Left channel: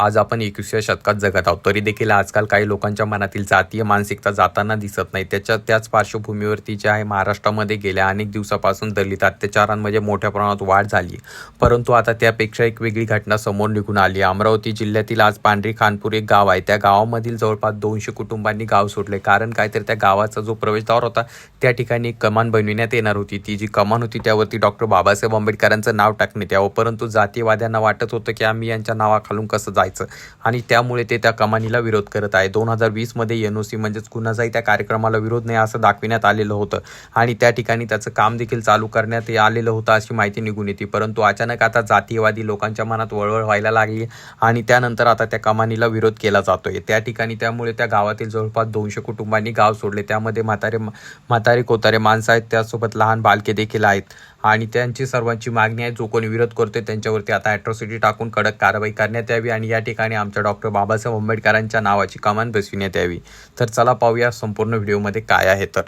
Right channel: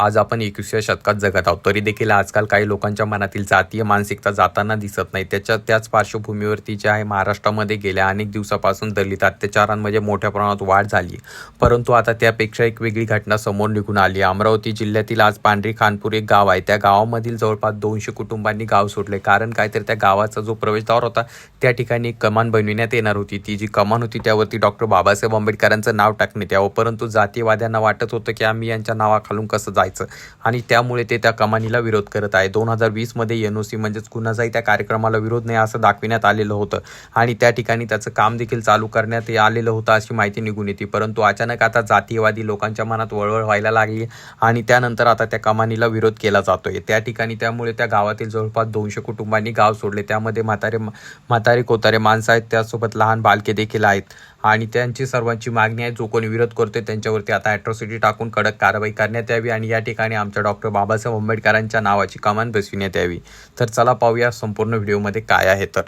आज आपण एकविसव्या शतकात जगत आहोत. तरी देखील आजकाल काही लोकांच्या मनातील जातीय मानसिकता जाताना दिसत नाही. त्याच्या त्याच पार्श्वभूमीवरती जे आहे महाराष्ट्रामध्ये गेल्या अनेक दिवसापासून दलित अत्याचारांमध्ये मोठ्या प्रमाणात वाढ झाली. परंतु आता त्यापेक्षा एक वेगळी घटना समोर निघून आली. अमरावती जिल्ह्यातील आज पांढरी खानपूर एक गाव आहे. त्या गावामधील जवळपास दोनशे कुटुंबांनी गाव सोडले. कारण काय तर त्या गावाचा जो प्रवेशद्वार होता त्या ठिकाणी एक कमान बनविण्यात येणार होती. ती जी कमान होती त्यावरती डॉक्टर बाबासाहेब आंबेडकरांचं नाव टाकण्यात यावं. परंतु जातीवाद्यांना वाटत होतं की आम्ही यांच्या नावाखालून कसं व्हायचं आणि त्यामुळे ते त्या कमानीला विरोध करत आहे. दोन हजार वीसमध्ये एन ओ सी म्हणजेच कुणाचाही त्या कार्यक्रमाला विरोध नाही असं दाखविण्यात आलेलं होतं. आणि त्या ठिकाणी त्याचं काम देखील चालू करण्यात आलेलं होतं अशी माहिती निघून येते. परंतु अचानक आता जातीयवादी लोकांच्या मनात वळवळ व्हायला लागली आणि त्यानंतर आता त्या कमानीला विरोध केला जातोय. त्या ठिकाणी त्यामुळे त्या गावातील जवळपास दोनशे कुटुंबांनी गाव सोडले. त्यामध्ये म्हातारे म्हातारे कोतारे माणसं आहेत. त्यासोबत लहान बालके देखील आहेत. आणि त्यांची सर्वांची मागणी आहे जो कोणी विरोध करतोय त्यांच्यावरती आता अॅट्रॉसिटी टाकून कडक कारवाई करण्यात यावी आणि या ठिकाणी आमच्या डॉक्टर बाबासाहेब आंबेडकरांच्या नावाची कमान बसविण्यात यावी. तर चला पाहूया संपूर्ण व्हिडिओमध्ये काय आहे तर.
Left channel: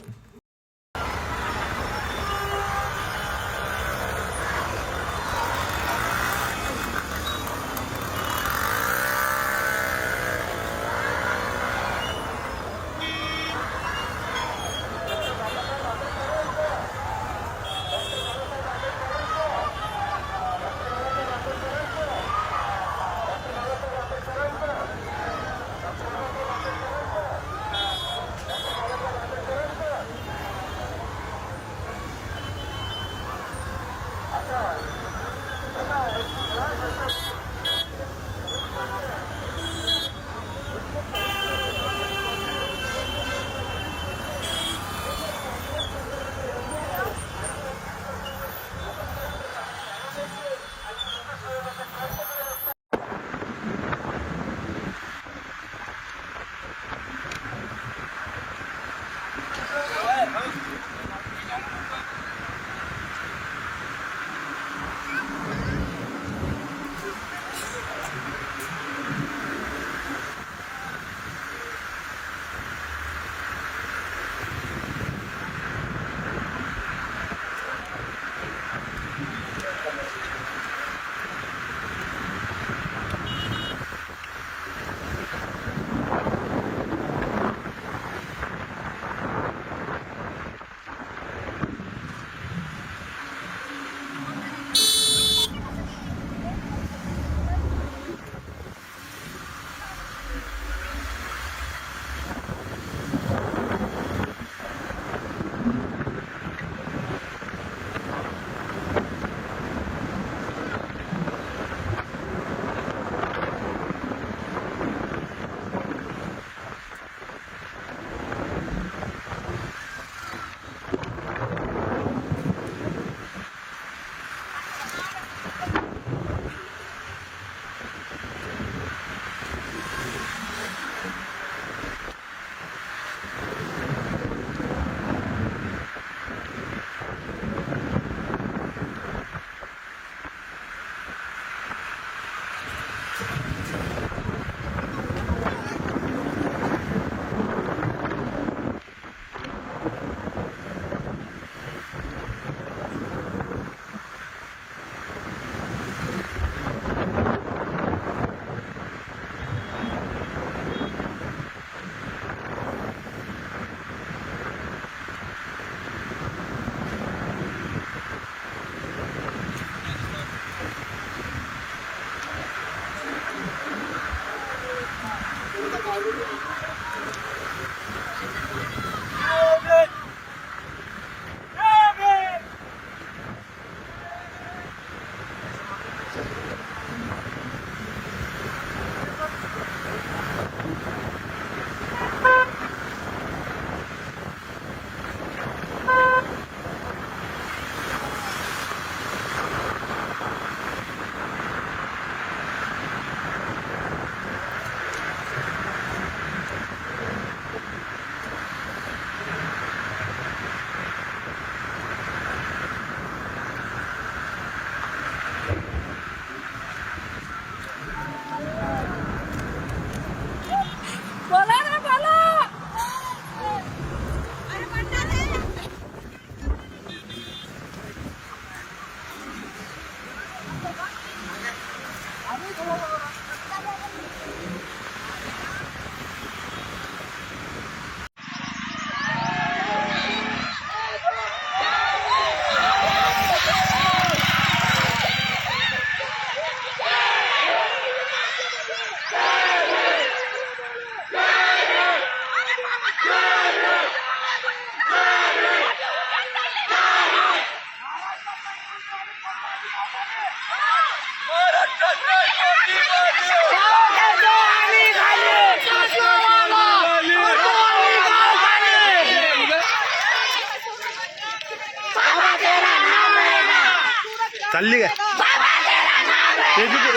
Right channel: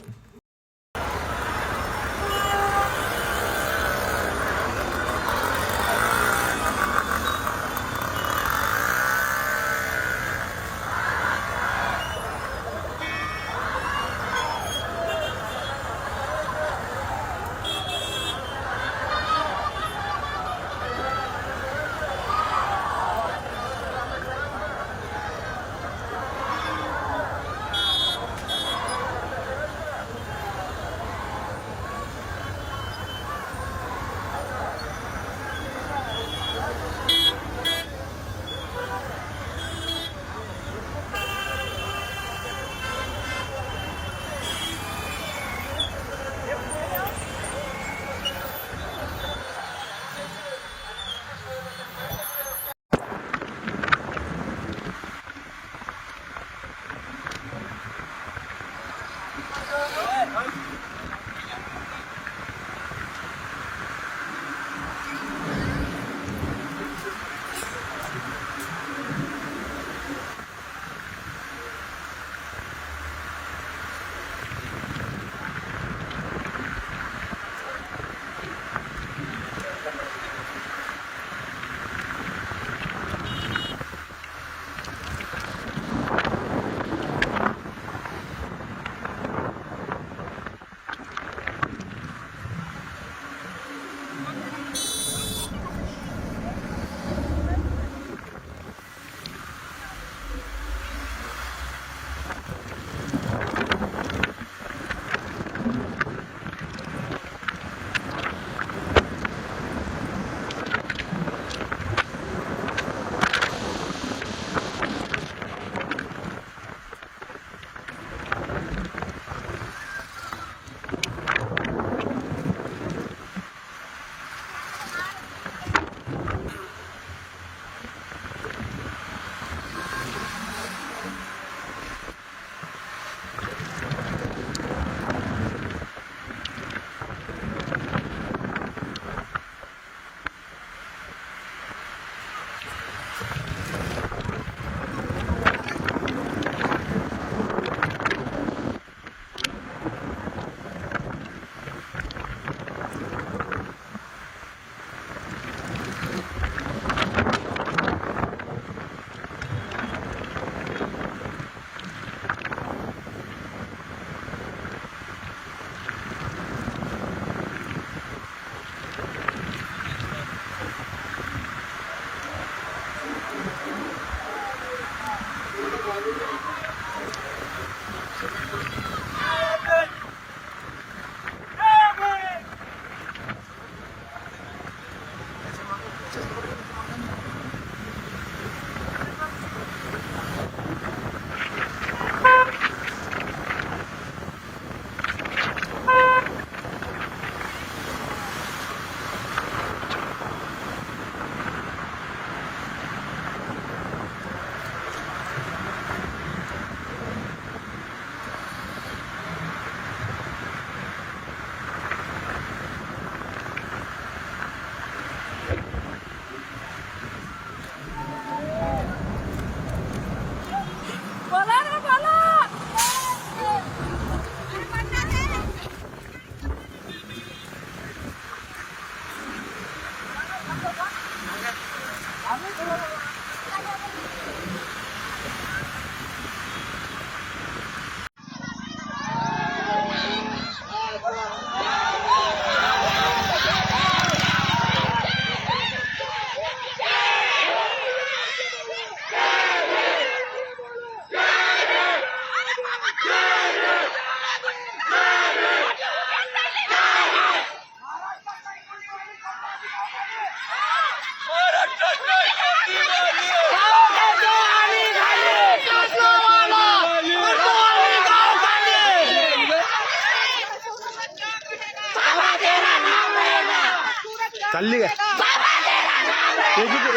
चालली काय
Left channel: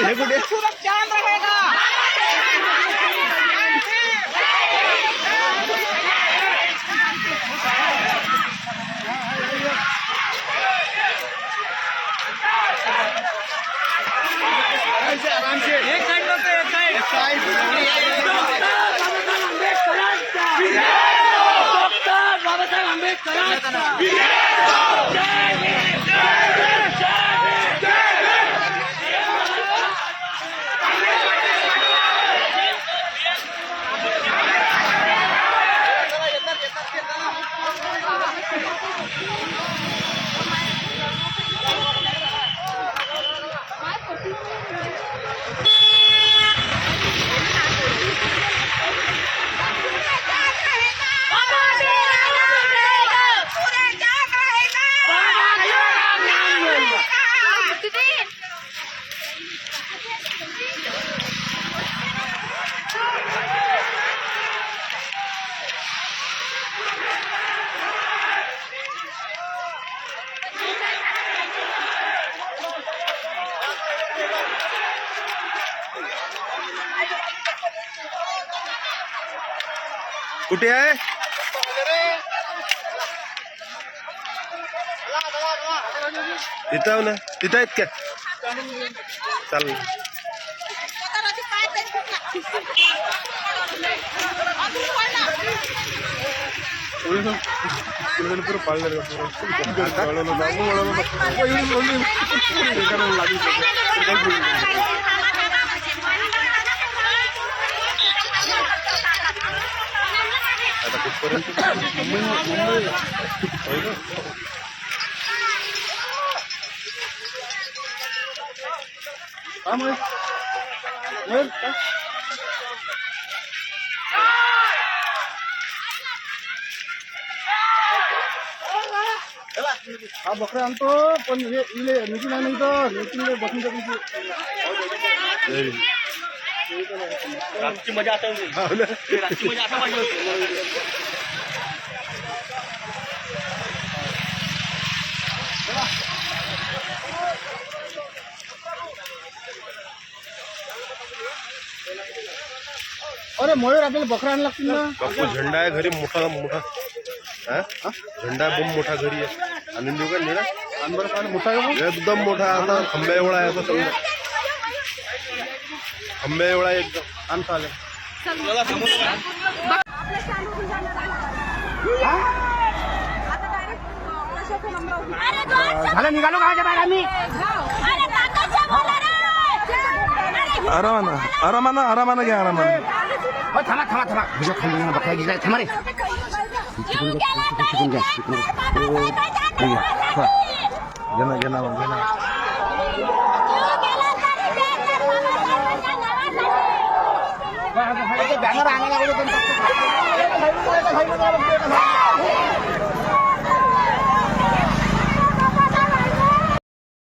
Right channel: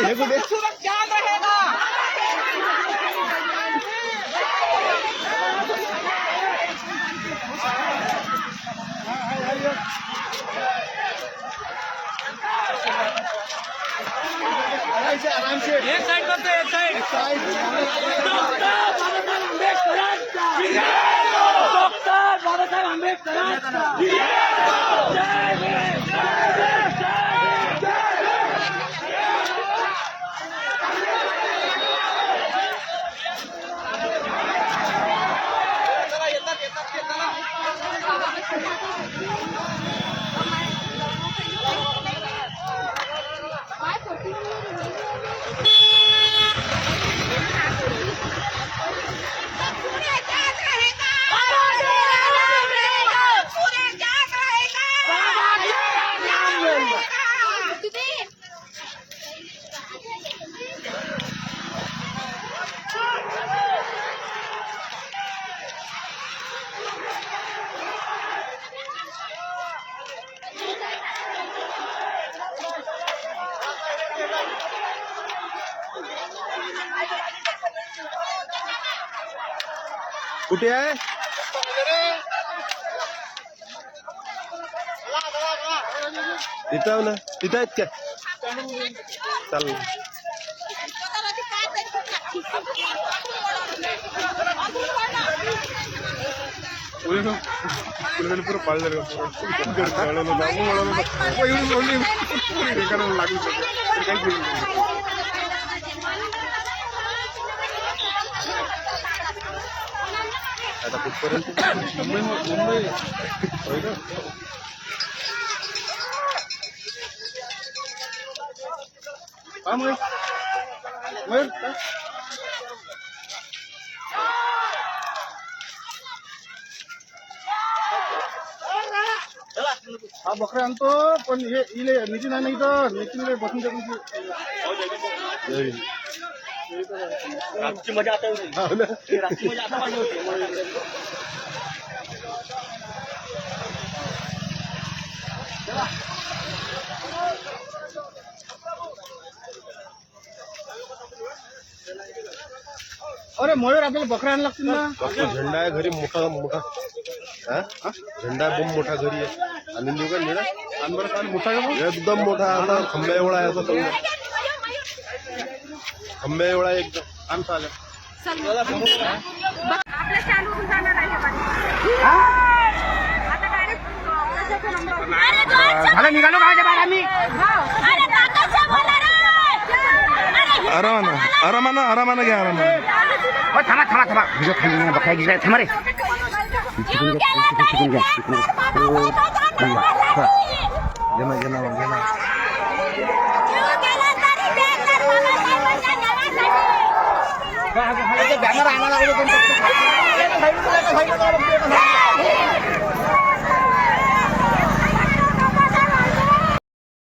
हे कुठे? कुठे आहे तिथं ना तिथं आहेत का चाल पुरं पाळलं वळवलं जाऊ वळवलं एवढी वळली एखाद्याला लागली आता कुठपर्यंत मुंबई मुंबई होय का हा मग मग काय? हा बकरा आणतो पण हे इले नितीन आहे नाही तर नितीन बसून रातची मजा आता रातची मजा आता अरे मयूर आपल्याला बकरा आणायला लागतील ना? बापू झेंडा आहे घरी मोठा मोठा. हा? झेंडा आहे बम मोठा घरी आहे. आणून देऊ का निळा? आण बरं पाहिलं मोठा आहे का मग? एकदम मोठा आता खंब्या एवढा आहे आता समजा. एकदम आण चालेल झालं निघालो आम्ही. आरामानं आरामानं आरामानं घ्या आरामानं. हो, थांबा थांबा थांबा. तुझ्या खाली गेला थांबा रे. तिकडून घ्या तिकडून घ्या तिकडून घ्या घेणं घेणं घेणं. Bang wrong